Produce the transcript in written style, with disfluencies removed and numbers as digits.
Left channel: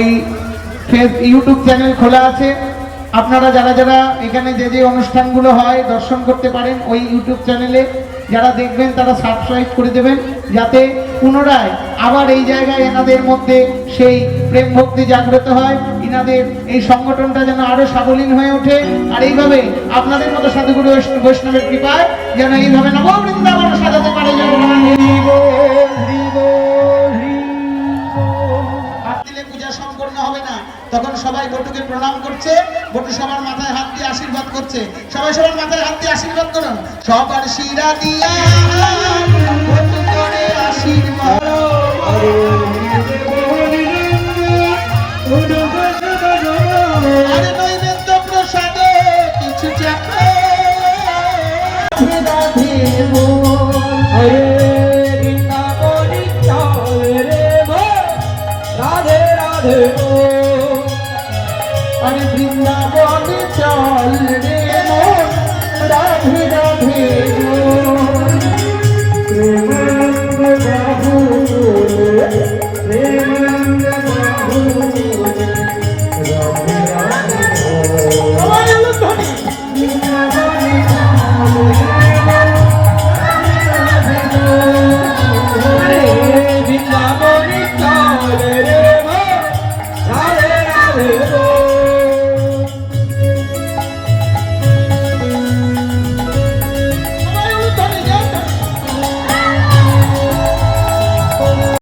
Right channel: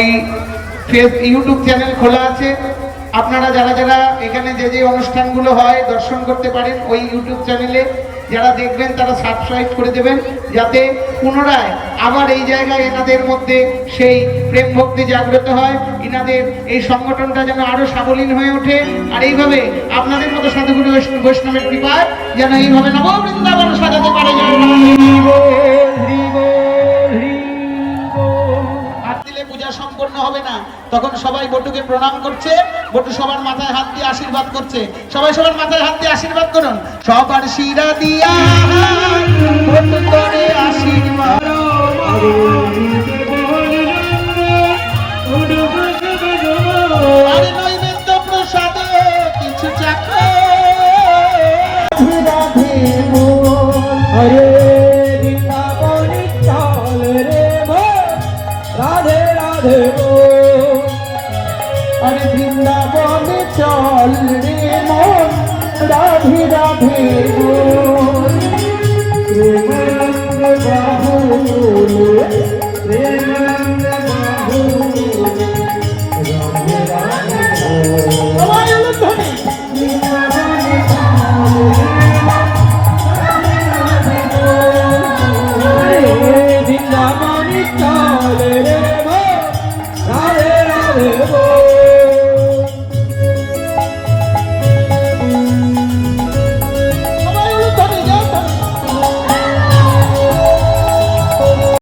ওই YouTube channel খোলা আছে, আপনারা যারা যারা এখানে যে যে অনুষ্ঠানগুলো হয় দর্শন করতে পারেন ওই ইউটিউব চ্যানেলে যারা দেখবেন তারা সাবস্ক্রাইব করে দেবেন, যাতে পুনরায় আবার এই জায়গায় এনাদের মধ্যে সেই প্রেম ভক্তি জাগ্রত হয়, এনাদের এই সংগঠনটা যেন আরো সাবলীল হয়ে ওঠে। আর এইভাবে আপনাদের মতো সাধুগুরু বৈষ্ণবের কৃপায় যেন এইভাবে নববৃন্দাবন সাজাতে পারে। পূজা সম্পন্ন হবে না, তখন সবাই বটুকে প্রণাম করছে, বটু সবার মাথায় হাত দিয়ে আশীর্বাদ করছে। সবাই সবার মাথায় হাত দিয়ে আশীর্বাদ করুন। সবার শিরা দিয়া বটু করে আশীর্বাদ, আর নৈবেদ্য প্রসাদে কিছু চাখো। अरे वृंदावन चल रे मन, राधे राधे।